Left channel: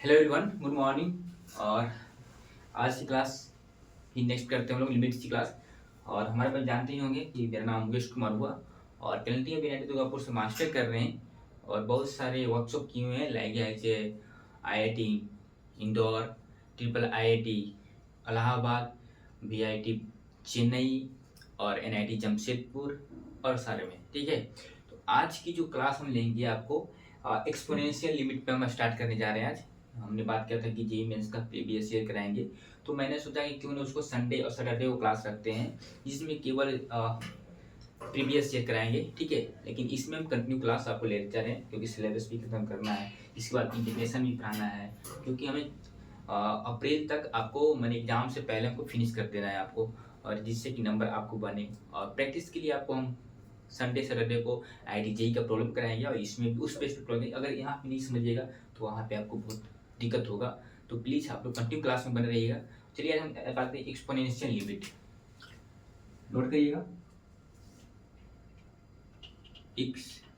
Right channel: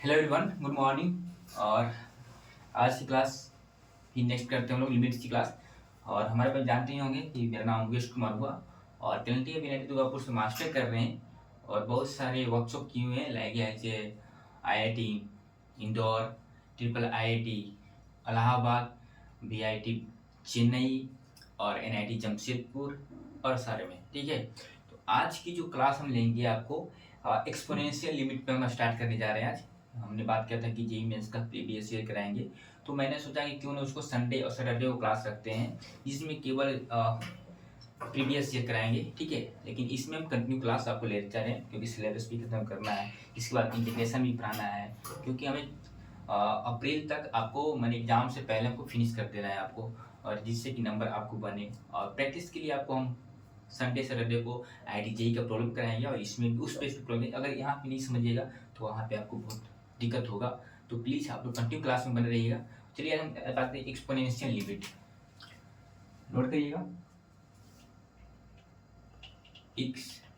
Hello everyone, good morning. और आज की क्लास की नेक्स्ट करते हैं हम लोग लिमिट्स की क्लास। और हमारे पास जानते ही होंगे कि मेरा नाम मुकेश कुमार हुआ और पेनल्टी अभी NIT दुर्गापुर से मास्टर कर रहे हैं और बहुत सारे वर्कशॉप किए हुए हैं लाइक जैसे IIT Indore, triple IIT Allahabad, VIT Chennai और NIT जमशेदपुर और सारे में। ठीक है, तो आज की जो क्लास हम लेंगे आपको एक्सपोनेंशियल लिमिट पे हम स्टार्ट करने जा रहे हैं। आज हमने बात किया था कि जेईई मेंस का प्रीवियस ईयर कराएंगे, तो मैंने सोचा कि क्यों ना उसको संडे और सैटरडे को क्लास रखते हैं जिसमें केवल प्रीवियस ईयर कराएंगे। ठीक है, लेकिन इसमें हम कंटिन्यू क्लास आपको लेते जा रहे हैं क्योंकि सिलेबस भी खत्म करना है, इसके बाद इंटीग्रेशन भी पढ़ाना है क्योंकि हमें अप्रैल तक आपको मैंने एग्जाम से पहले हमको फिनिश कर देना है आपको, और जिससे कि नंबर आपको बने। और प्रैक्टिस के लिए आपको हम संडे सैटरडे को IIT जेईई का प्रॉब्लम कराएंगे और इसमें भी उस बेस पे प्रॉब्लम। अगर यहाँ पे नहीं समझिएगा तो वहाँ पे आपको बहुत दिक्कत होगा, तो प्लीज़ आप लोग कंटिन्यू क्लास में बने रहिएगा। चलिए आज हम बात करें एक्सपोनेंशियल लिमिट। नोट करिएगा, एक्सपोनेंशियल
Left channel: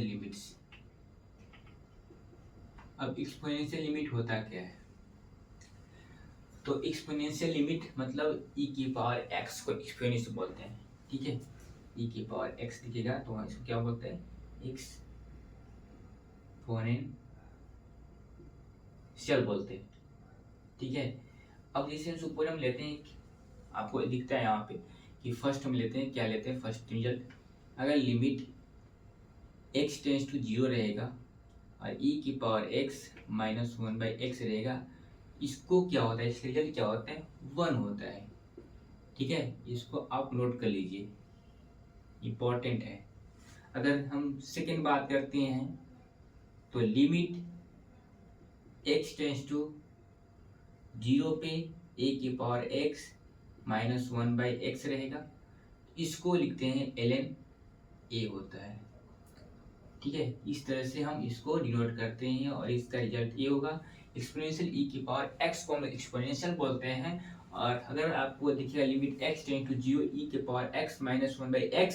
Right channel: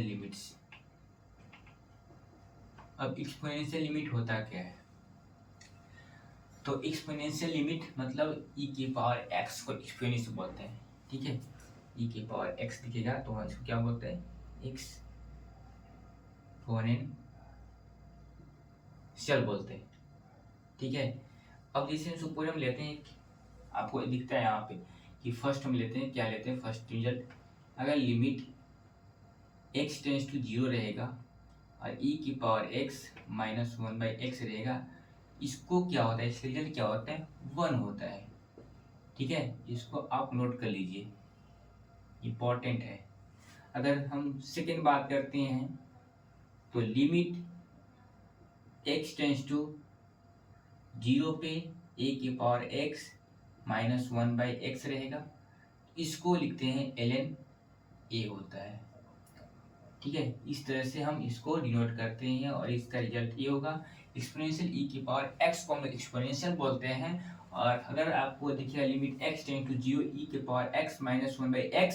लिमिट्स। अब एक्सपोनेंशियल लिमिट होता क्या है? तो एक्सपोनेंशियल लिमिट मतलब e की पावर x को एक्सपोनेंशियल बोलते हैं। ठीक है, e की पावर x दिखेगा तो इसको क्या बोलते हैं? एक्सपोनेंशियल बोलते हैं। ठीक है, अब जैसे सुपर हम लेते हैं, आपको दिखता है यहाँ पे कि फर्स्ट हम लेते हैं, क्या लेते हैं फर्स्ट रिजल्ट। अगर लिमिट x टेंस टू 0 रहेगा और e की पावर x माइनस 1/x रहेगा, इसको क्या होता है, इसका रिजल्ट क्या होता है? 1 होता है। ठीक है, इसको आप नोट कर लीजिए, इम्पोर्टेंट है। अगर हम सेकेंड बात करते हैं तो लिमिट x टेंस टू 0 पे a की पावर x माइनस 1/x रहेगा, इसको लिखते हैं ln a होता है। ठीक है, इस तरह से हम इसको डिनोट करते हैं और इसका रिजल्ट ये होगा। एक्सपोनेंशियल e की पावर x को हम एक्सपोनेंशियल बोलते हैं। और अगर आपको दिखेगा limit x tend to 0 e की पावर x माइनस 1/x,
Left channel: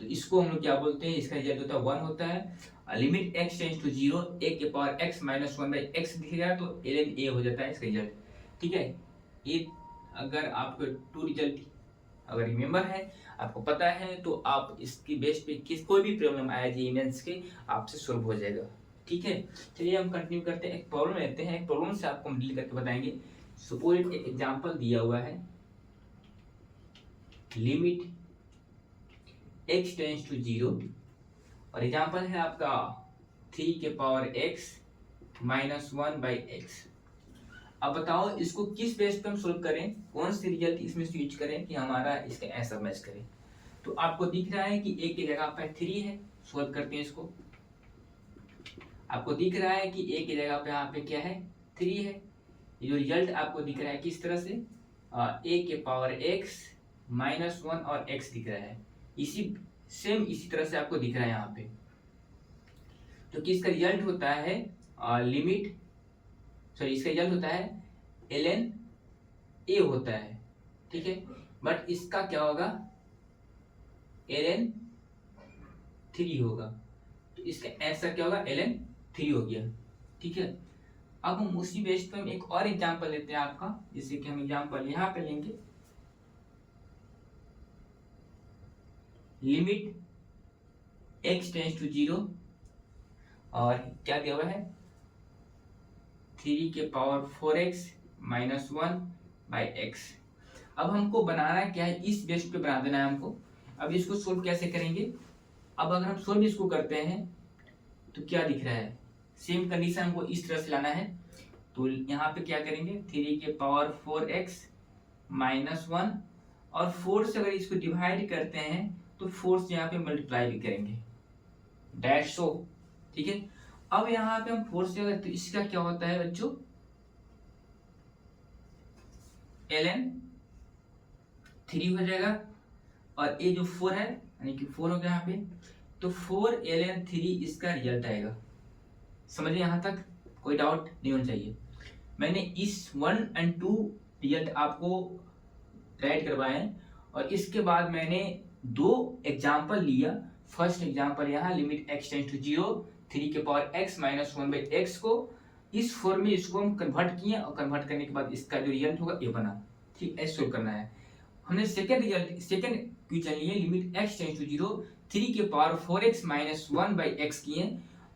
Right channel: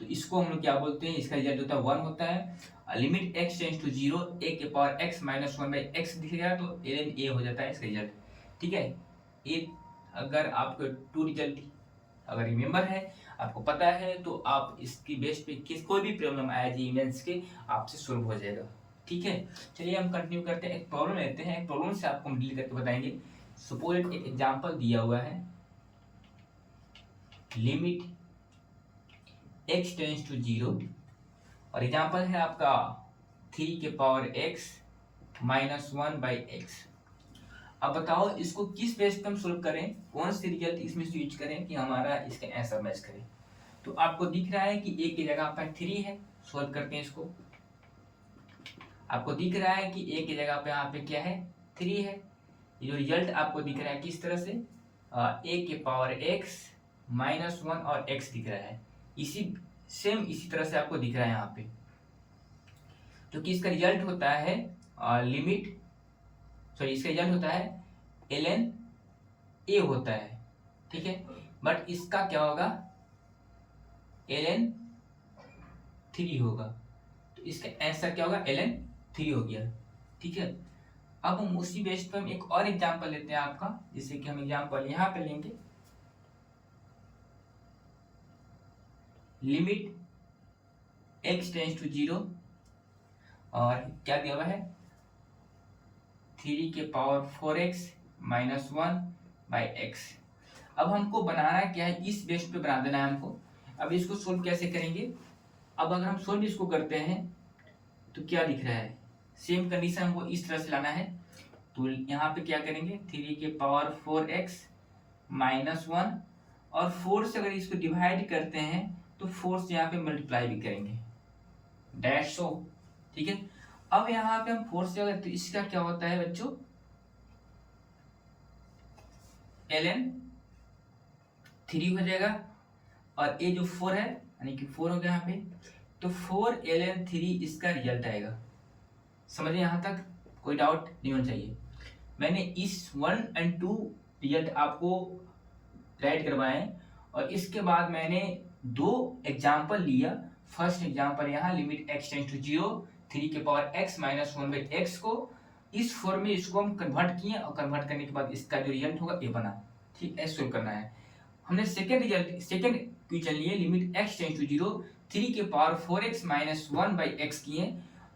तो इसको हम लोग क्या बोलते हैं? इसका रिजल्ट होता है 1 होता है। Limit x tend to 0 a की पावर x माइनस 1/x दिखेगा तो ln a हो जाता है इसका रिजल्ट। ठीक है, ये अगर आपको टू रिजल्ट अगर रिमेंबर है, आपको पता है, तो आप इसकी बेस पे कोई भी प्रॉब्लम आया जेईई मेंस के आपसे सॉल्व हो जाएगा। ठीक है, चलिए हम कंटिन्यू करते हैं। एक प्रॉब्लम लेते हैं, एक प्रॉब्लम से आपको हम डील करके बताएंगे। सपोज एक एग्जांपल दिया हुआ है, लिमिट x टेंस टू 0 और एग्जांपल है आपका 3 के पावर x माइनस 1/x। अब बताओ इसको किस बेस पे हम सोल्व करें, कौन सी रिजल्ट इसमें से यूज करें कि हमारा इसका आंसर मैच करे। तो आपको दिख रहा है कि a की जगह पे 3 है, सोल्व करते हैं इसको। आपको दिख रहा है कि a की जगह पे यहाँ पे क्या है? 3 है। ये जो रिजल्ट आपको दिख रहा है किस तरह से? a के पावर x माइनस 1 और x दिख रहा है, इसी तरह से आपको दिख रहा है यहाँ पे, जो कि इसका रिजल्ट होता है इसका रिजल्ट होता है ln a होता है। ठीक है, बट इसका क्या होगा? ln 3 होगा, तो इसका आंसर क्या होगा? ln 3 हो गया। ठीक है, अब हम उसी बेस पर हम एक और एग्जांपल लेते हैं आपका, जैसे कि हम एग्जांपल यहाँ पे लेंगे, लिमिट x टेंस टू 0 और क्या दिया हुआ है? 3 के पावर 4x माइनस 1/x। अब हमको बनाना क्या है? इस बेस पे बना देना है हमको। अब इसको सोल्व कैसे करेंगे? अब अगर हम सोल्व इसको करते हैं तो क्या दिख रहा है? सेम कंडीशन हमको इस तरह से लाना है, तो यहाँ पे क्या करेंगे? 3 के पावर 4x माइनस 1 और 4 से अगर इसको डिवाइड करते हैं तो 4 से यहाँ पे मल्टीप्लाई भी करेंगे, डैश हो। ठीक है, अब यहाँ पे हम 4 से अगर, तो इसका क्या होता है बच्चों? ln 3 हो जाएगा और ये जो 4 है यानी कि 4 हो गया यहाँ पे, तो 4 ln 3 इसका रिजल्ट आएगा। समझिए, यहाँ तक कोई डाउट नहीं होना चाहिए। मैंने इस 1 और 2 रिजल्ट आपको राइट करवाए और इसके बाद मैंने 2 एग्जाम्पल लिया फर्स्ट एग्जाम्पल यहाँ लिमिट x टेंस टू 0 3 के पावर x माइनस 1/x को इस फॉर्म में इसको हम कन्वर्ट किए और कन्वर्ट करने के बाद इसका जो रिजल्ट होगा ये बना। ठीक, ऐसे सोल्व करना है। हमने सेकंड क्वेश्चन लिए लिमिट x टेंस टू 0 3 के पावर 4x माइनस 1/x किए।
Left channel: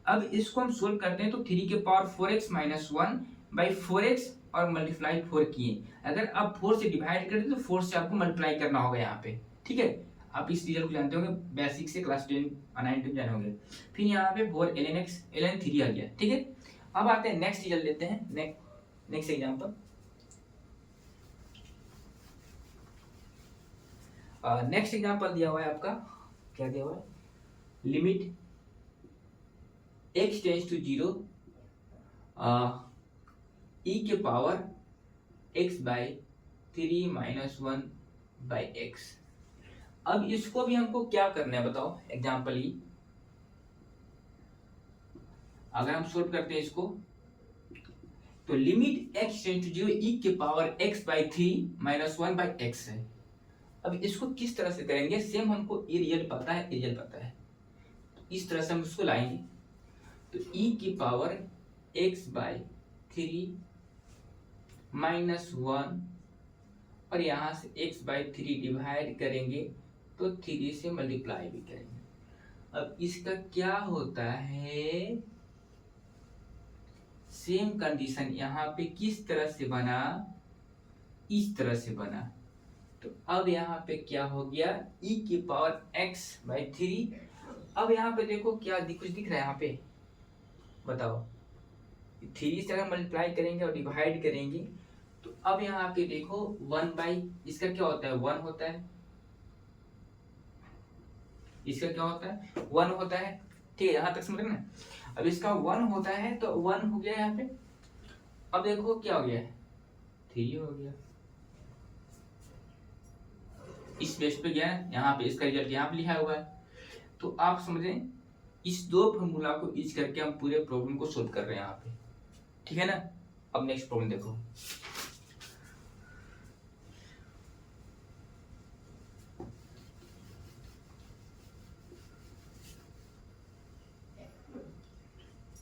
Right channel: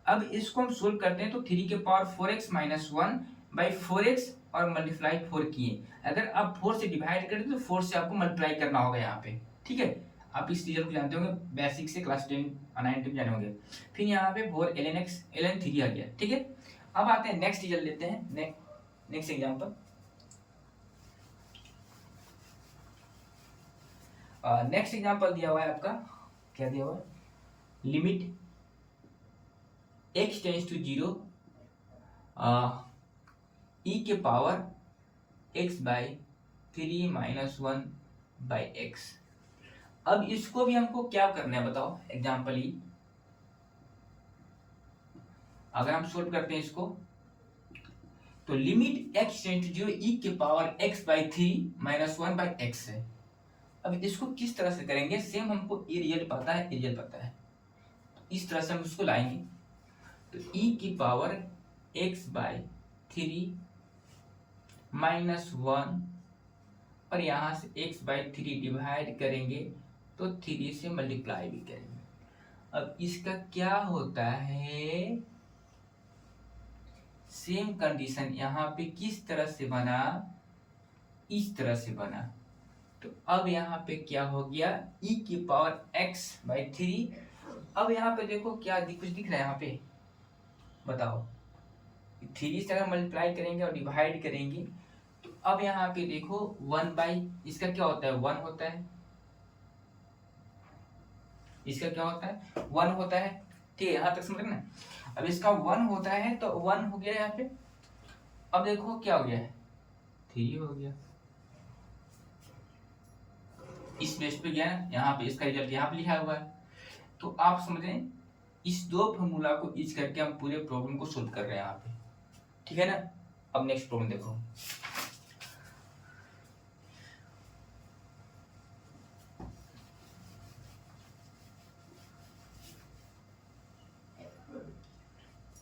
अब इसको हम सोल्व करते हैं तो 3 के पावर 4x माइनस 1/4x और मल्टीप्लाई 4 किए। अगर आप 4 से डिवाइड करें तो 4 से आपको मल्टीप्लाई करना होगा यहाँ पे। ठीक है, आप इस रिजल्ट को जानते होंगे, बेसिक से क्लास 10 9 में जाने होंगे। फिर यहाँ पे 4 ln x ln 3 आ गया। ठीक है, अब आते हैं नेक्स्ट रिजल्ट लेते हैं। नेक्स्ट एग्जांपल, नेक्स्ट एग्जांपल दिया हुआ है आपका, क्या दिया हुआ है, limit x tends to 0 e के पावर x/3 माइनस 1/x। अब इसको भी हमको क्या करना है बताओ, एग्जाम्पल ई। अगर हम सोल्व करते हैं इसको तो limit x tends to 0 e के पावर x/3 माइनस 1/x है। अब इसको किस तरह से करेंगे, सेम हमको ये रिजल्ट पता है, रिजल्ट पता है, तो इस तरह से हम इसको लाएंगे। तो e की पावर x/3 माइनस 1 और यहाँ से x/3 डिवाइड करेंगे तो 3 से मल्टीप्लाई भी करेंगे। अब इसका क्या होता है, सेम कंडीशन यहाँ पे किस तरह से बना, इस तरह से बना। तो अब यहाँ पे क्या हो गया, e की पावर x/3। अब यहाँ पे देखो क्या कुछ दिख रहा है यहाँ पे, बताओ। 3 से अगर मल्टीप्लाई करेंगे और डिवाइड करेंगे तो अब यहाँ पे देखो 1/ इसका क्या होता है, 1 होता है, इसका क्या होता है, 1 होता है। ठीक है, यहाँ तक समझ ना। अब इसका 1 होता है तो 1 हो गया यहाँ पे। अब देखो क्या हो गया है, 3 हो गया। इस बेस पे गया यहाँ पे, इसका रिजल्ट यहाँ पे लिखा हुआ है। तो आप समझें, इस दो फॉर्मूला को यूज करके हम पूरे प्रॉब्लम को सोल्व कर रहे हैं यहाँ पे। ठीक है ना। अब नेक्स्ट प्रॉब्लम देखो,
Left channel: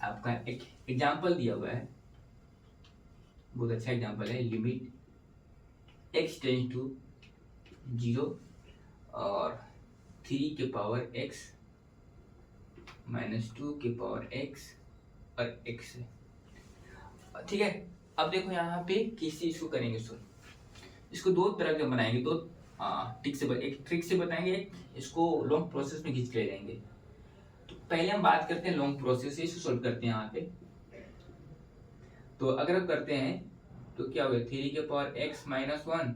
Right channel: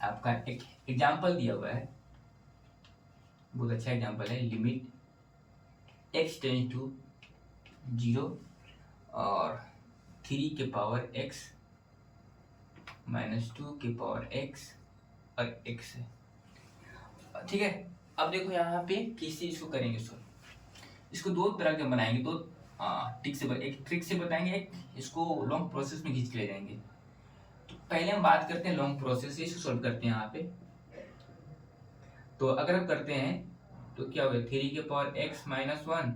आपका एक एग्जाम्पल दिया हुआ है, बहुत अच्छा एग्जाम्पल है। लिमिट x टेंस टू 0 और 3 के पावर x माइनस 2 के पावर x और x है। ठीक है, अब देखो यहाँ पे किसी इसको करेंगे सॉल्व। इसको दो तरह के बनाएंगे, दो एक ट्रिक से बताएंगे, एक इसको लॉन्ग प्रोसेस में खींच के ले जाएंगे। पहले हम बात करते हैं लॉन्ग प्रोसेस से, इसको सॉल्व करते हैं यहाँ पे। तो अगर हम करते हैं तो क्या होगा, 3 के power x minus 1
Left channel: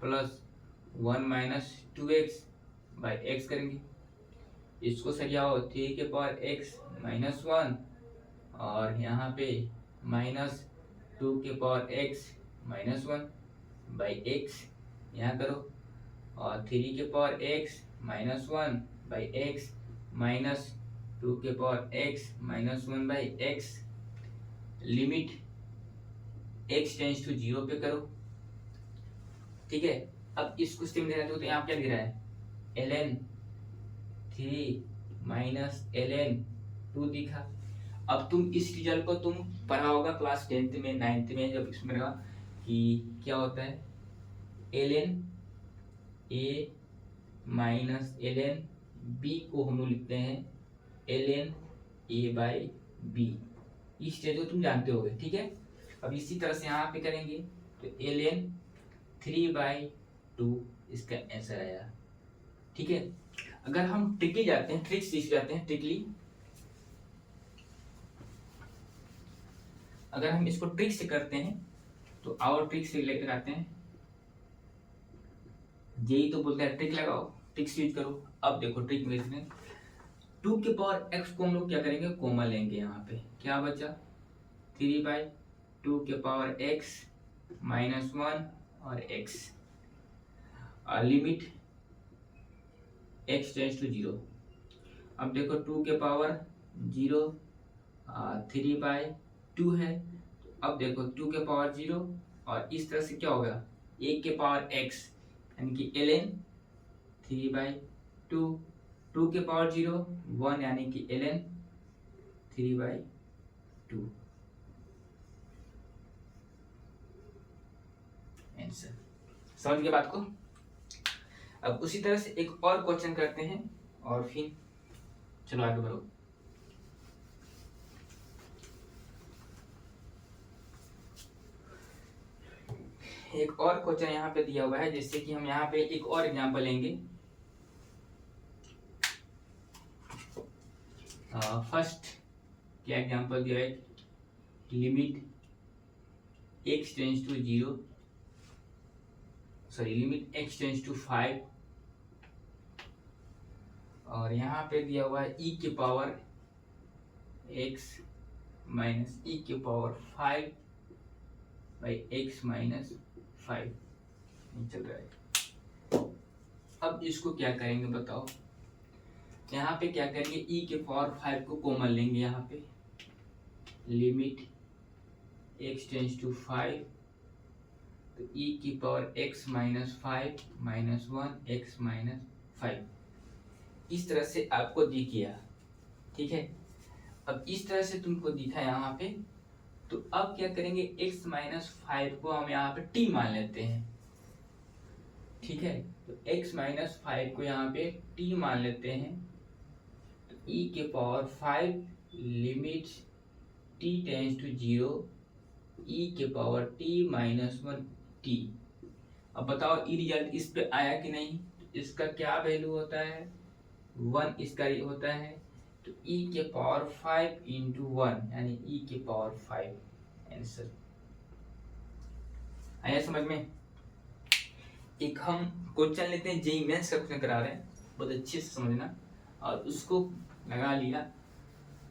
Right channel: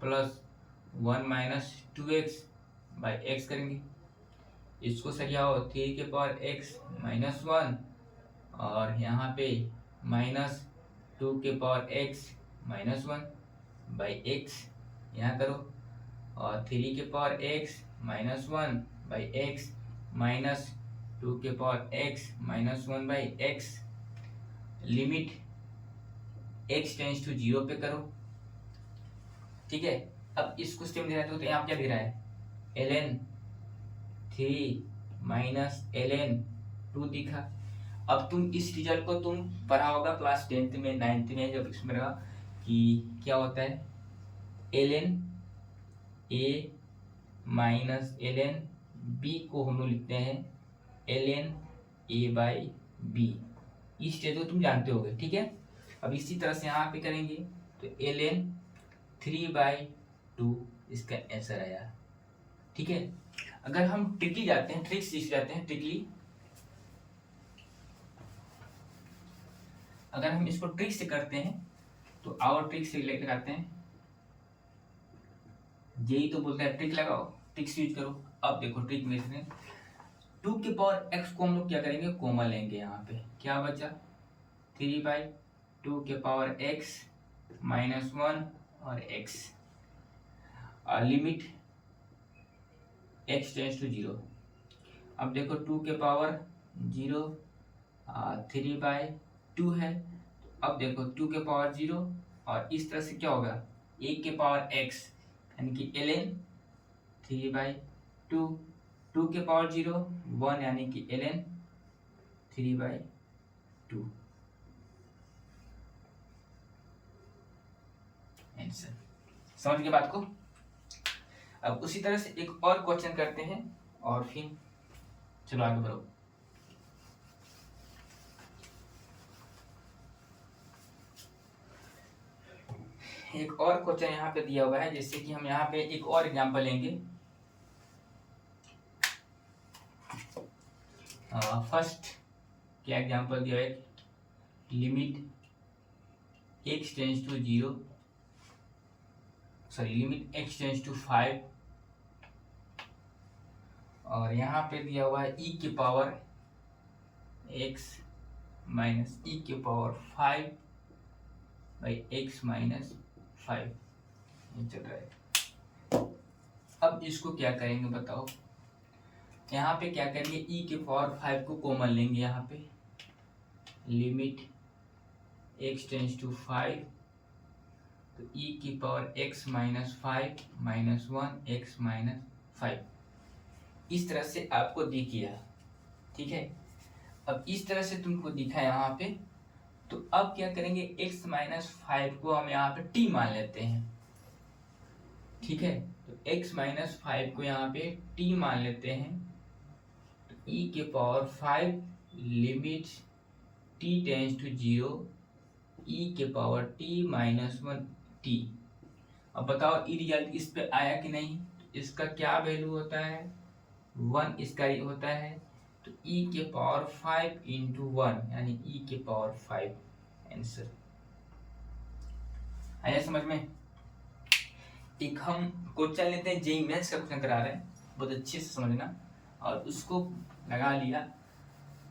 plus 1 minus 2x/x करेंगे। इसको सरियाओ, 3 के पावर x माइनस 1 और यहाँ पे माइनस 2 के पावर x माइनस 1/x यहाँ करो, और 3 के power x minus 1/x minus 2 के power x minus 1/x limit x tends to 0 पे करो। ठीक है, अब इसको स्टेप दे रहा है तो यहाँ क्या दे रहा है, ln 3 माइनस ln 2 दिखा। अब तुम इस रिजल्ट को तुम पढ़ा होगा क्लास 10th में 9th में, जब इसमें रहा कि क्या होता है, ln a minus ln b को हम लोग लिखते हैं ln a/b। इस स्टेज को तुम जानते होगे। ठीक है, अब इसी तरह से यहाँ पे करेंगे तो ln 3/2 इसका आंसर आया। ठीक है, अगर हम ट्रिकली जाते हैं, ट्रिक्स सीख जाते हैं ट्रिकली, अगर हम इसको ट्रिक से करते हैं तो और ट्रिक से लगाते हैं, यही तो बोलते हैं ट्रिक लगाओ, ट्रिक्स यूज करो। अब देखो ट्रिक में 2 के पावर x को हम लोग क्या करेंगे, कॉमन लेंगे। यहाँ पे क्या बचा, 3/2 के पावर x माइनस 1 और x limit x tends to 0। अब देखो 2 के पावर 0 3/2 है। अब देखो 2 के पावर 0 और इस तरह से क्या होगा, 1 के पावर x यानी कि ln 3/2 2 के पावर 0 1 यानी कि ln 3/2 आंसर। समझ गए बात को। अब उसी तरह से एक और क्वेश्चन करते हैं और फिर चलो आगे बढ़ो। एक और क्वेश्चन यहाँ पे दिया हुआ है, जैसे कि हम यहाँ पे एक और एग्जांपल लेंगे। फर्स्ट क्या एग्जांपल दिया है, limit x tends to 0 sorry limit x tends to 5 और यहाँ पे दिया हुआ है e के पावर x माइनस e के पावर 5 बाई x माइनस 5 ये चल रहा है। अब इसको क्या करेंगे बताओ। यहाँ पे क्या करेंगे, e के पावर 5 को कॉमन लेंगे, यहाँ पे लिमिट x टेंस टू 5 तो e की power x minus 5 minus 1 x minus 5 इस तरह से आपको दिख गया, ठीक है। अब इस तरह से तुमको दिखा यहाँ पे, तो अब क्या करेंगे, x माइनस 5 को हम यहाँ पे t मान लेते हैं, ठीक है। तो x माइनस 5 को यहाँ पे t मान लेते हैं, तो e के power 5 limit t tends to 0 e के पावर t माइनस 1 t। अब बताओ ई रिजल्ट इस पे आया कि नहीं। इसका क्या वैल्यू होता है, 1 इसका होता है, तो e के पावर 5 इंटू 1 यानी e के पावर 5 आंसर। आया समझ में। एक हम क्वेश्चन लेते हैं, जेईई मेंस का क्वेश्चन करा रहे हैं, बहुत अच्छे से समझना, और उसको लगा लिया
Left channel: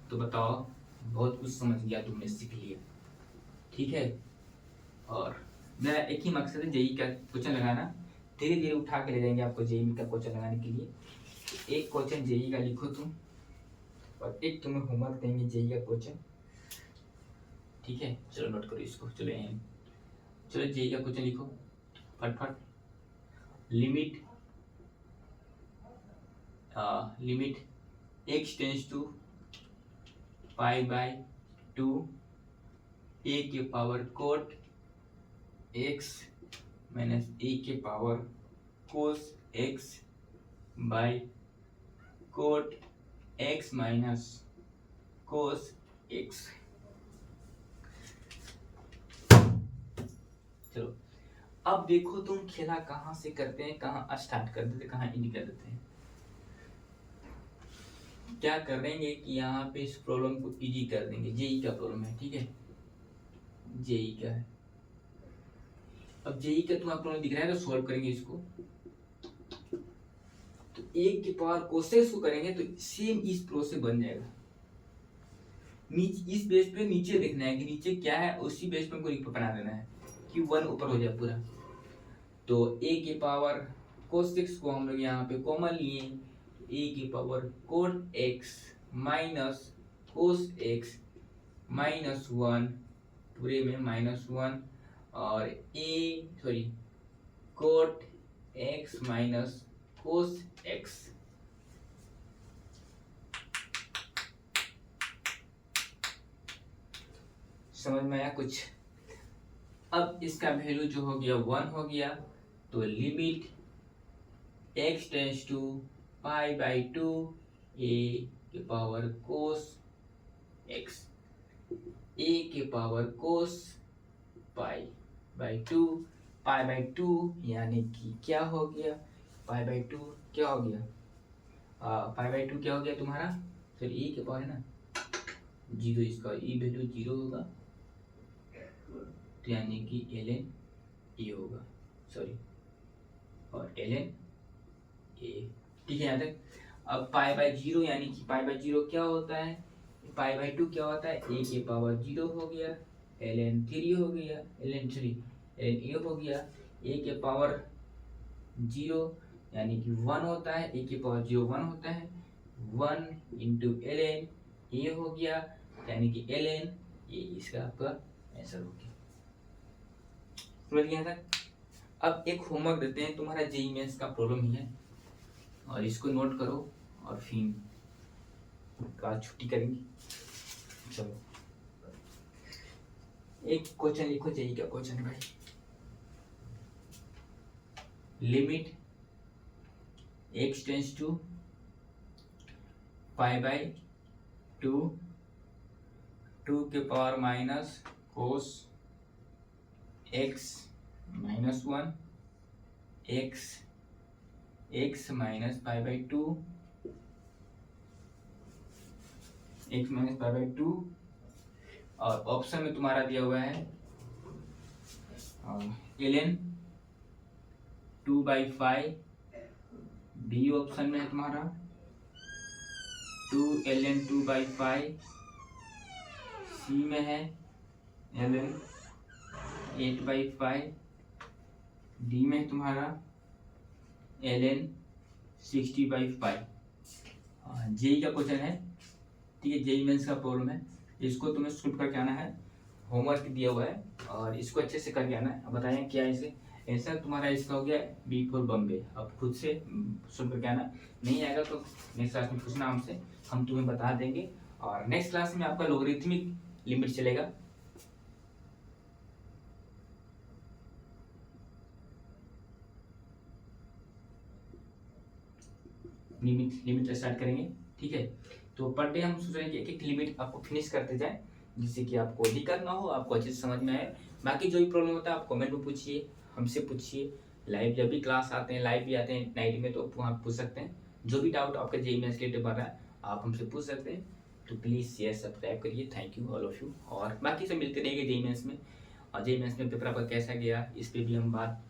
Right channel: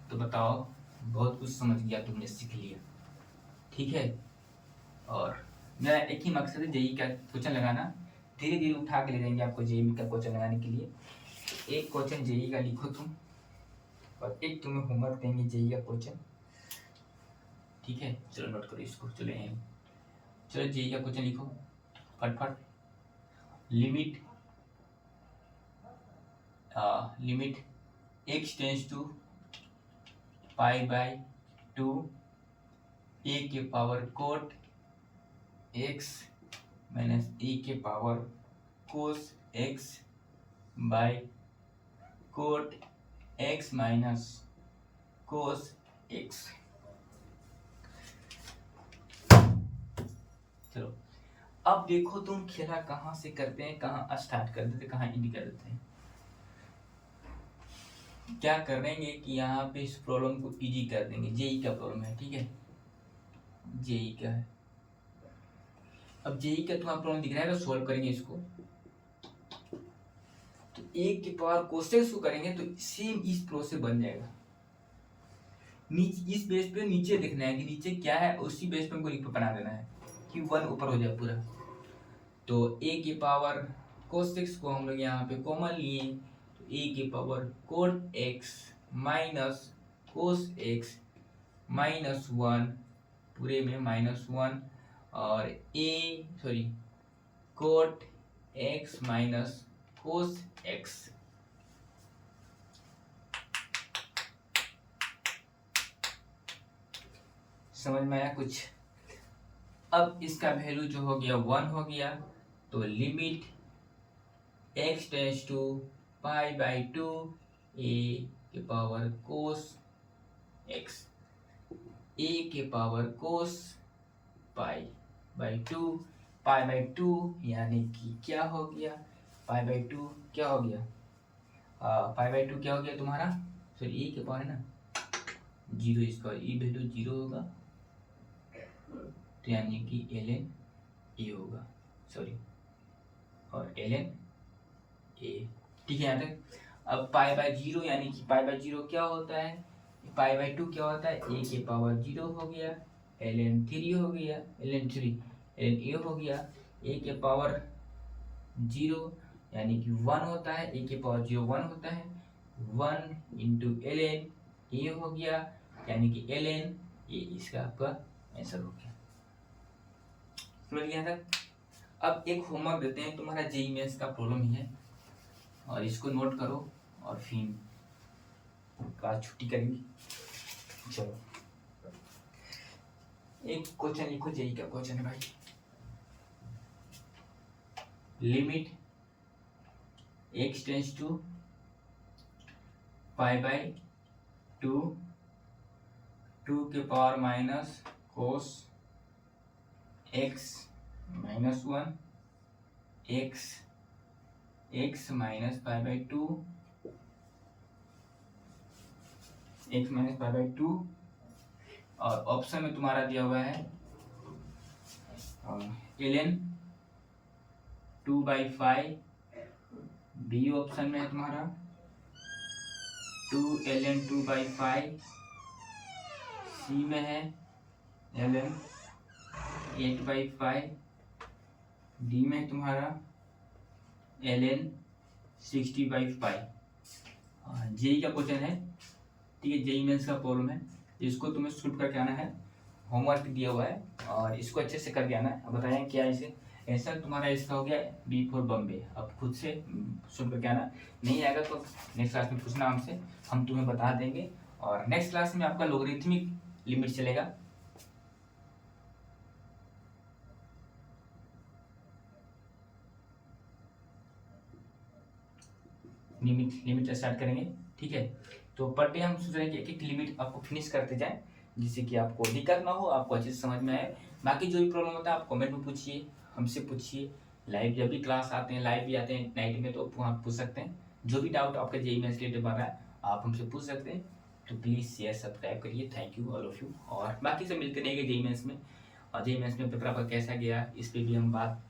तो बताओ बहुत कुछ समझ गया तुमने, सीख लिया, ठीक है। और मेरा एक ही मकसद है जेईई का क्वेश्चन लगाना, धीरे धीरे उठा के ले जाएंगे आपको जेईई का क्वेश्चन लगाने के लिए। तो एक क्वेश्चन जेईई का लिखो तुम, और एक तुम्हें होमवर्क देंगे जेईई का क्वेश्चन, ठीक है। चलो नोट करो इसको, चलो जेईई का क्वेश्चन लिखो फटफट। Limit x tends to pi by 2 a के power cot x minus a के power cos x by cot x minus cos x। चलो अब देखो तुम खेला कहाँ से करते हैं, कहाँ स्टार्ट कर देते, कहाँ एंड कर देते हैं। क्या करेंगे कि यहाँ पे इस प्रॉब्लम को इजी कर देंगे, जेईई का प्रॉब्लम है, ठीक है, जेईई का है। अब जेईई का तुम्हारा प्रॉब्लम दिख रहा है, तो सॉल्व करेंगे इसको। तो एक के पावर कोसेक्स को करेंगे तो सेम इस प्रो से बन जाएगा। इस बेस पे नीचे देखना है कि नीचे क्या है, उसी बेस पे हमको बना देना है कि 1 ऊपर हो जाए पूरा। तो a के पावर कोसेक्स को हम लोग यहाँ पे कॉमन लिए, तो a के power cot x minus cos x minus 1 पूरे में माइनस 1 और cot x minus cos x। समझ में आया कुछ। अब इसका वैल्यू जो हो गया 1 हो गया, तो limit x tends to pi by 2 a के पावर कोस x, a के power cos pi by 2, pi by 2 यानी कि क्या हो गया, पाई बाई 2 क्या हो गया, पाई बाई 2 क्या हो गया तुम्हारा, सॉरी a के पावर है ना 0, इसका e वैल्यू 0 होगा, तो यानी कि ln a होगा, सॉरी और ln a, ठीक है यहाँ तक। अब पाई बाई 0 यानी कि पाई बाई 0 क्या होता है, पाई बाई 2 क्या होता है, a के पावर 0 हो गया, ln 3 हो गया, ln a हो गया, a के पावर 0 यानी कि 1 होता है, a के पावर 0 1 होता है, 1 इंटू ln a हो गया, यानी कि ln a इसका आपका आंसर हो गया। समझ गया तक। अब एक होमवर्क देते हैं, तुम्हारा जेईई मेंस का प्रॉब्लम ही है, और इसको नोट करो और फिर क्लास छुट्टी करेंगे। चलो एक क्वेश्चन लिखो, यही क्या क्वेश्चन है भाई। लिमिट x टेंस टू π/2 2 के power minus cos x -1 x minus π/2 x minus π/2। और ऑप्शन में तुम्हारा दिया हुआ है ln 2/5। बी ऑप्शन में है तुम्हारा 2 ln 2/5। सी में है ln 8/5। डी में तुम्हारा ln 60/5। जेई का क्वेश्चन है, ठीक है, जेई मेंस का प्रॉब्लम है, इसको तुम्हें सॉल्व करके आना है। होमवर्क दिया हुआ है और इसको अच्छे से करके आना है। बताएं क्या इसे आंसर तुम्हारा इसका हो गया बी फॉर बम्बे। अब खुद से सॉल्व करके आना, नहीं आएगा तो नेक्स्ट क्लास में पूछना हमसे, हम तुम्हें बता देंगे। और नेक्स्ट क्लास में आपका लॉगरिथमिक लिमिट चलेगा। लिमिट स्टार्ट करेंगे, ठीक है। तो पर डे हम सोच रहे हैं कि एक एक लिमिट आपको फिनिश करते जाएं, जिससे कि आपको दिक्कत ना हो, आपको अच्छे से समझ में आए। बाकी जो भी प्रॉब्लम होता है आप कमेंट में पूछिए, हमसे पूछिए। लाइव जब भी क्लास आते हैं, लाइव भी आते हैं नाइट में, तो वहाँ पूछ सकते हैं। जो भी डाउट आपका जेईई मेंस रिलेटेड बन रहा है आप हमसे पूछ सकते हैं। तो प्लीज़ शेयर सब्सक्राइब करिए। Thank you all of you. और बाकी से मिलते रहेंगे जेईई मेंस में। और जेईई मेंस में पेपर आपका कैसा गया इस पर भी हम बात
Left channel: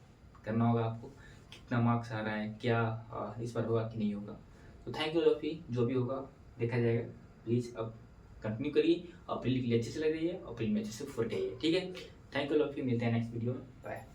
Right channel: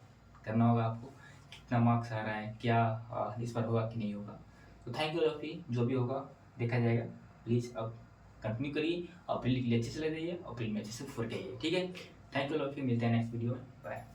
करना होगा आपको, कितना मार्क्स आ रहा है, क्या इस बार होगा कि नहीं होगा। तो thank you all of you. जो भी होगा देखा जाएगा। प्लीज़ अब कंटिन्यू करिए, अप्रैल के लिए अच्छे से लग रही है, अप्रैल में अच्छे से फुल करिए, ठीक है। Thank you all of you. मिलते हैं नेक्स्ट वीडियो में। बाय।